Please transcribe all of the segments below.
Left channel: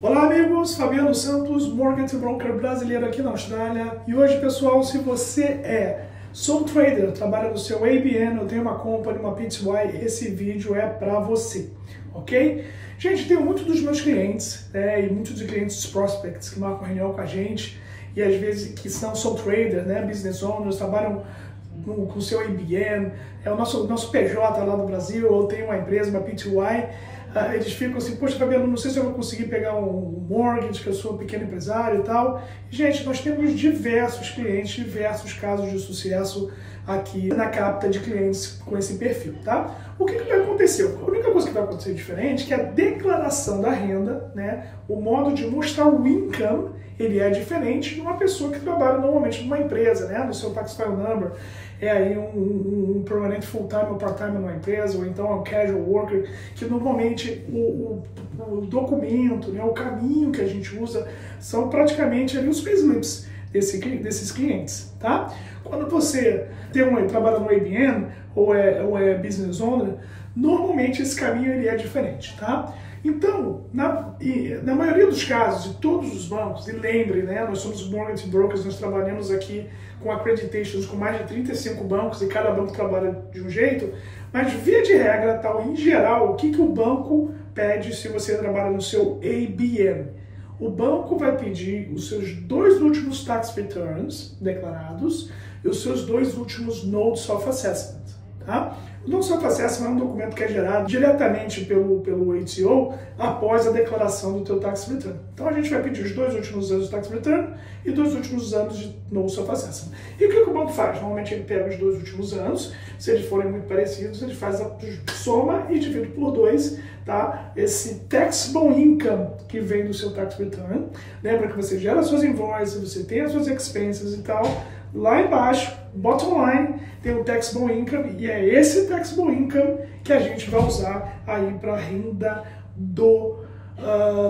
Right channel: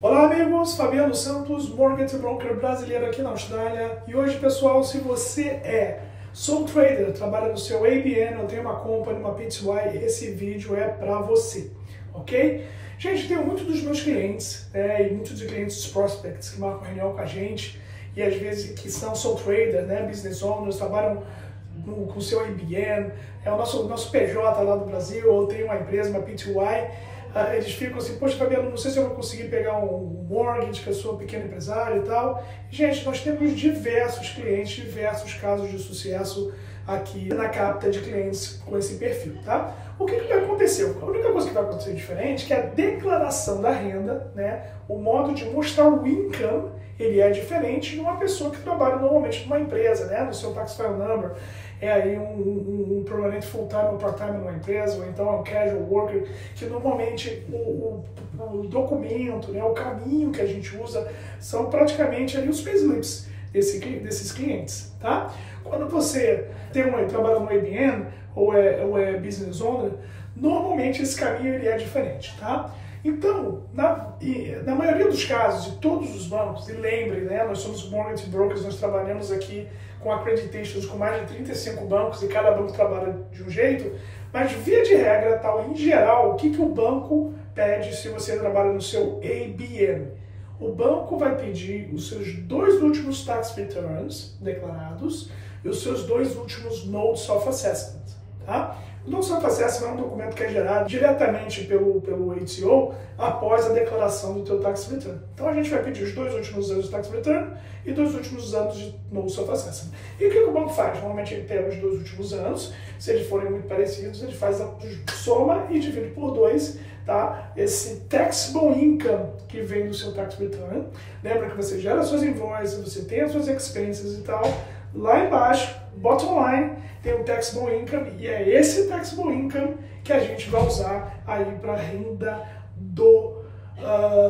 Olá amigos, Fabiano Santos, Mortgage Broker brasileiro aqui na Austrália. E hoje, pessoal, se você é sole trader, trabalha no seu ABN, ou tem uma company, uma PTY, esse vídeo é para você, ok? Gente, tenho muitos dos meus clientes, e muitos de clientes prospects que marcam reunião com a gente, e às vezes que são sole trader, business owners, trabalham com o seu ABN, é o nosso PJ lá no Brasil, ou tem uma empresa, uma PTY. Eles ficam assim, poxa, Fabiano, não sei se eu vou conseguir pegar um mortgage, que eu sou um pequeno empresário e tal. Gente, nós temos diversos clientes, diversos casos de sucesso aqui na capta de clientes com esse perfil, tá? O que vai acontecer? A única coisa que vai acontecer diferente é que a declaração da renda, o modo de mostrar o income, ele é diferente de uma pessoa que trabalha normalmente numa empresa, no seu tax file number, é aí um permanente full-time ou part-time numa empresa, ou então é um casual worker, que normalmente o documento, o caminho que a gente usa são praticamente ali os payslips desses clientes, tá? Quando você trabalha no ABN ou é business owner, normalmente esse caminho ele é diferente, tá? Então, na maioria dos casos, de todos os bancos, e lembre, nós somos mortgage brokers, nós trabalhamos aqui com accreditations com mais de 35 bancos e cada banco trabalha de um jeito, mas via de regra, em geral, o que o banco pede se você trabalha no seu ABN? O banco vai pedir os seus 2 últimos tax returns declarados e os seus 2 últimos notes of assessment, tá? O Notice of Assessment é um documento que é gerado diretamente pelo ATO após a declaração do teu Tax Return. Então a gente vai pedir os 2 últimos anos de Tax Return e 2 últimos anos de Notice of Assessment. E o que o banco faz? Normalmente ele pega os 2 últimos anos, se eles forem muito parecidos, ele faz a soma e divide por 2, tá? Esse taxable income que vem do seu Tax Return. Lembra que você gera suas invoices, você tem as suas expenses e tal. Lá embaixo, bottom line, tem o taxable income, e é esse taxable income que a gente vai usar aí para a renda do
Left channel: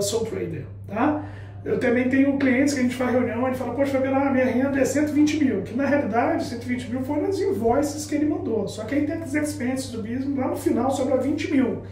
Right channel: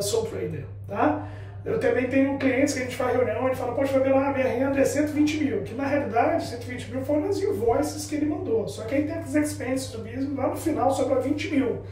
sole trader, tá? Eu também tenho clientes que a gente faz reunião, ele fala, poxa, minha renda é 120 mil, que na realidade 120 mil foram as invoices que ele mandou, só que aí tem as expenses do business, lá no final sobra 20 mil,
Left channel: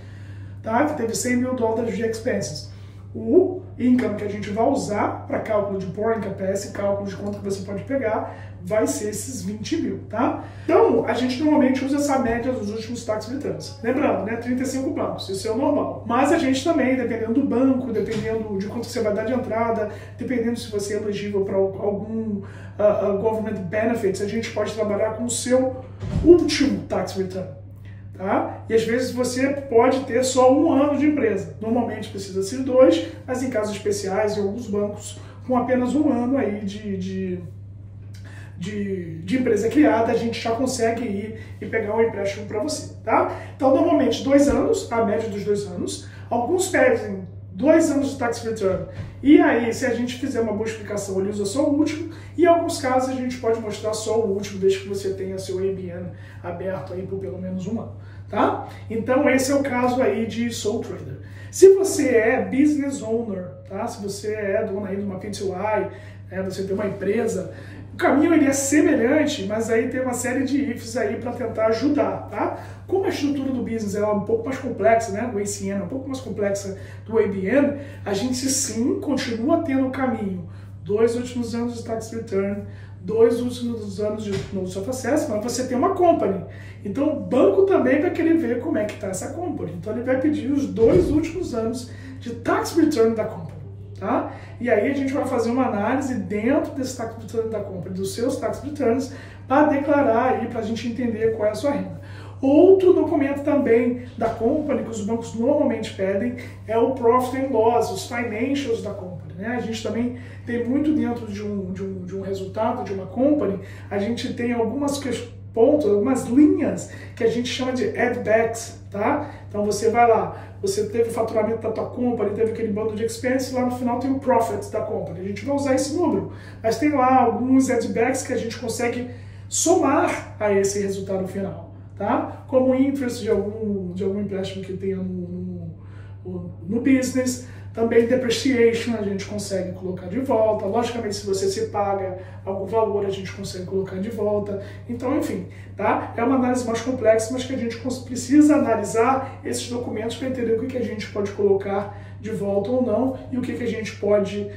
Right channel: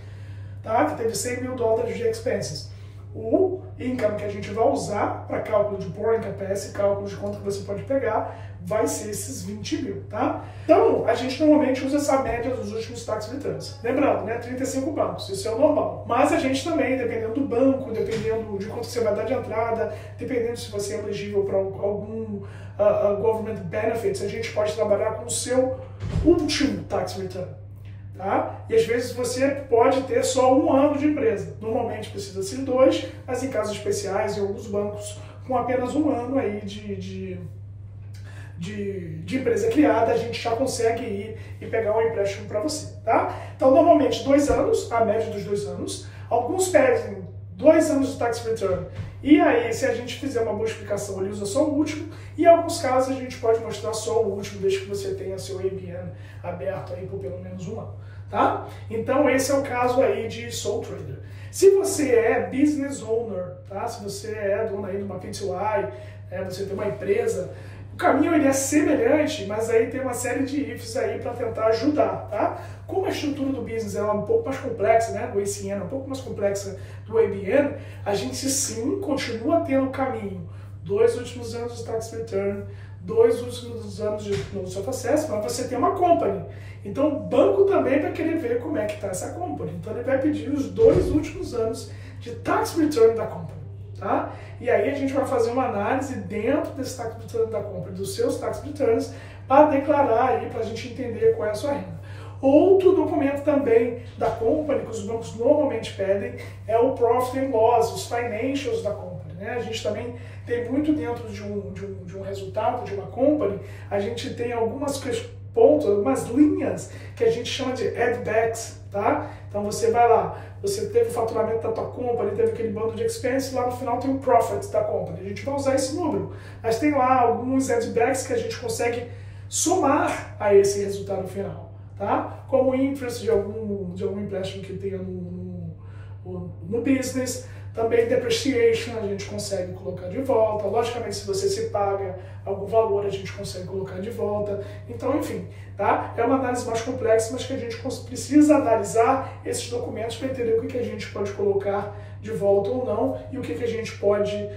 tá? Que teve 100 mil dólares de expenses. O income que a gente vai usar para cálculo de borrowing capacity, cálculo de quanto que você pode pegar, vai ser esses 20 mil, tá? Então, a gente normalmente usa essa média dos últimos tax returns. Lembrando, 35 bancos, isso é o normal. Mas a gente também, dependendo do banco, dependendo de quanto você vai dar de entrada, dependendo se você é elegível para algum government benefits, a gente pode trabalhar com o seu último tax return. Tá? E às vezes você pode ter só 1 ano de empresa. Normalmente precisa ser 2, mas em casos especiais, em alguns bancos, com apenas 1 ano aí de empresa criada, a gente já consegue ir e pegar um empréstimo para você. Tá? Então, normalmente 2 anos, a média dos 2 anos. Alguns pedem 2 anos de tax return. E aí, se a gente fizer uma boa explicação, ele usa só o último. E em alguns casos, a gente pode mostrar só o último, desde que você tenha seu ABN aberto aí por pelo menos 1 ano. Tá? Então, esse é o caso aí de sole trader. Se você é business owner, tá? Se você é dono aí de uma PTY, você tem uma empresa, o caminho ele é semelhante, mas aí tem uma série de ifs aí para tentar ajudar, tá? Como a estrutura do business é um pouco mais complexa, do ACN é um pouco mais complexa do ABN, a gente sim continua tendo o caminho 2 últimos anos de tax return, 2 últimos anos de notice of assessment, mas você tem uma company. Então o banco também vai querer ver como é que está essa company. Então ele vai pedir os 2 últimos anos de tax return da company, tá? E aí a gente vai fazer uma análise dentro desse tax return da company, dos seus tax returns, para declarar aí, para a gente entender qual é a sua renda. Outro documento também da company que os bancos normalmente pedem é o Profit and Loss, os financials da company. A gente também tem muito dentro de um resultado de uma company, a gente tem algumas pontos, algumas linhas que a gente chama de add-backs, tá? Então você vai lá, você teve o faturamento da tua company, teve aquele bando de expenses, lá no final tem o profit da company. A gente vai usar esse número, mas tem lá alguns add-backs que a gente consegue somar a esse resultado final. Tá? Como interest de algum empréstimo que tenha no business, também depreciation a gente consegue colocar de volta, logicamente se você se paga algum valor a gente consegue colocar de volta, então enfim, tá? É uma análise mais complexa, mas que a gente precisa analisar esses documentos para entender o que a gente pode colocar de volta ou não e o que a gente pode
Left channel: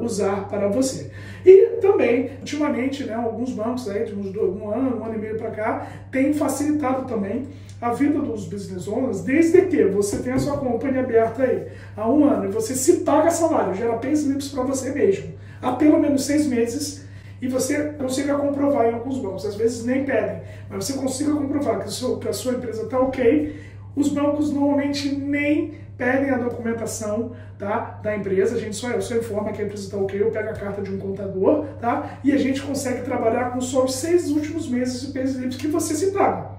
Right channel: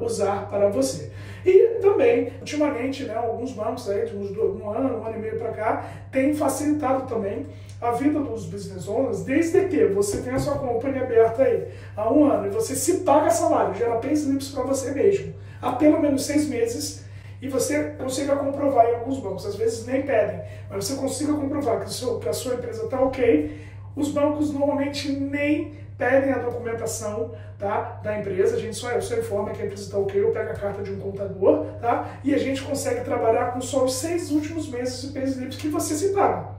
usar para você. E também, ultimamente, né, alguns bancos aí, de um ano e meio para cá, têm facilitado também a vida dos business owners, desde que você tenha a sua companhia aberta aí há um ano e você se paga salário, gera payslips para você mesmo, há pelo menos 6 meses, e você consiga comprovar em alguns bancos, às vezes nem pedem, mas você consiga comprovar que a sua empresa está ok, os bancos normalmente nem pedem a documentação, tá, da empresa, a gente só informa que a empresa está ok, eu pego a carta de um contador, tá, e a gente consegue trabalhar com só os 6 últimos meses de payslips que você se paga.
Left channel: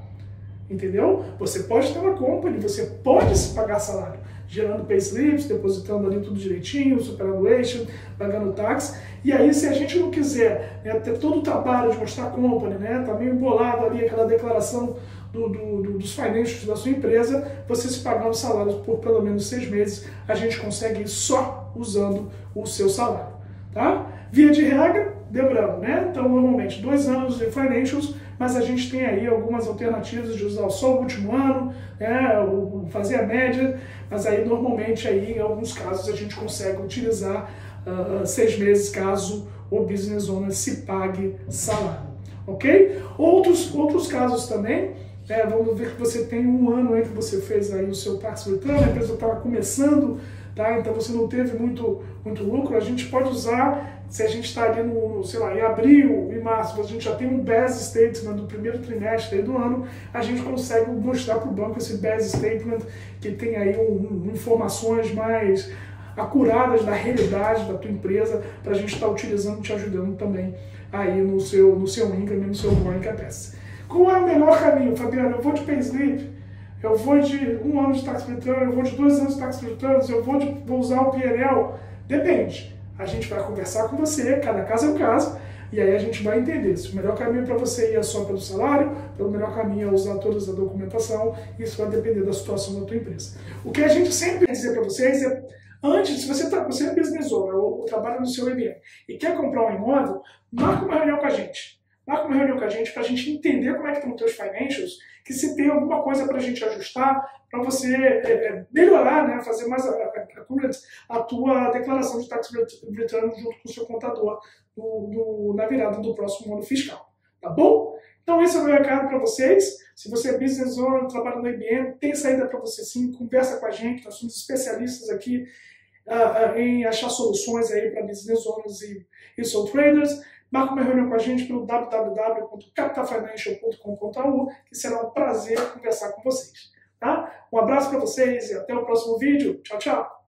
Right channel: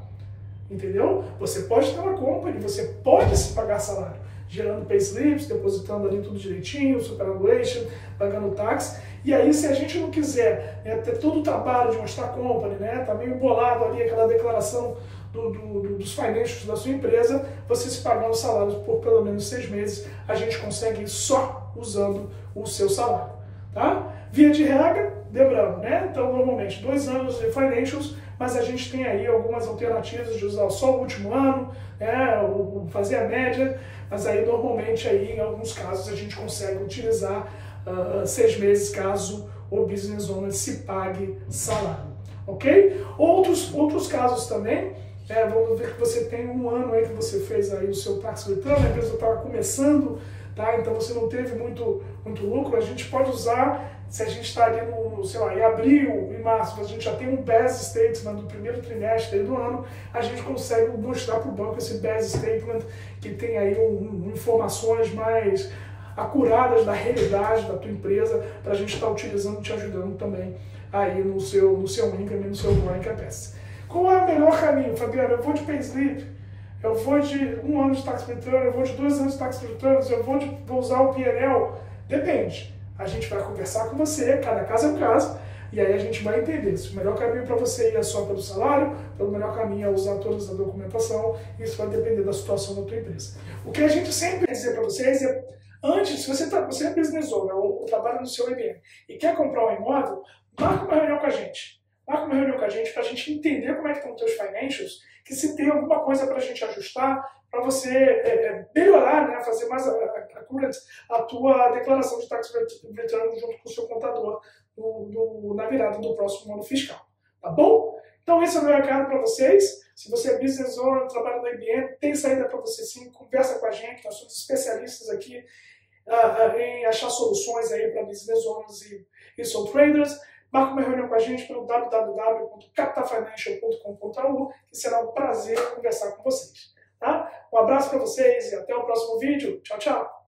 Entendeu? Você pode estar na company, você pode se pagar salário, gerando payslips, depositando ali tudo direitinho, superannuation, pagando tax. E aí, se a gente não quiser, né, ter todo o trabalho de mostrar company, né, tá meio bolado ali aquela declaração dos financials da sua empresa, você se pagando salários por pelo menos 6 meses, a gente consegue ir só usando o seu salário, tá? Via de regra, lembrando, né? Então, normalmente, 2 anos de financials, mas a gente tem aí algumas alternativas de usar só o último ano, né? Fazer a média, mas aí, normalmente, aí, em alguns casos, a gente consegue utilizar 6 meses, caso o business owner se pague salário, ok? Outros casos também, vamos ver que você tem um ano aí que você fez aí o seu tax return, a empresa estava começando, tá? Então você não teve muito lucro, a gente pode usar, se a gente está ali sei lá, em abril, em março, a gente já tem um BAS Statement do primeiro trimestre aí do ano, a gente consegue mostrar para o banco esse BAS Statement que tem aí informações mais acuradas da realidade da tua empresa, para a gente estar utilizando, te ajudando também aí no seu income, no seu growing capacity. Qual é o melhor caminho, Fabiano? Eu vou de payslip, eu vou de 1 ano de tax return, eu vou de 2 anos de tax returns, eu vou usar o PNL? Depende. A gente vai conversar com você, cada caso é um caso, e aí a gente vai entender se o melhor caminho para você é só pelo salário, o melhor caminho é usar toda a documentação, isso vai depender da situação da tua empresa. O que a gente sempre quer dizer para vocês é, antes, se você é business owner ou trabalha no seu IBM e quer comprar um imóvel, marca uma reunião com a gente. Marca uma reunião com a gente para a gente entender como é que estão os teus financials, que se tem alguma coisa para a gente ajustar, para você melhorar, né, fazer mais accurate a tua declaração de tax return junto com o seu contador na virada do próximo ano fiscal. Tá bom? Então esse é o meu recado para vocês. Se você é business owner, trabalha no IBM, tem saída para você sim, conversa com a gente, nós somos especialistas aqui em achar soluções aí para business owners e sole traders. Marca uma reunião com a gente pelo www.capitalfinancial.com.au, que será um prazer conversar com vocês. Tá? Um abraço para vocês e até o próximo vídeo. Tchau, tchau!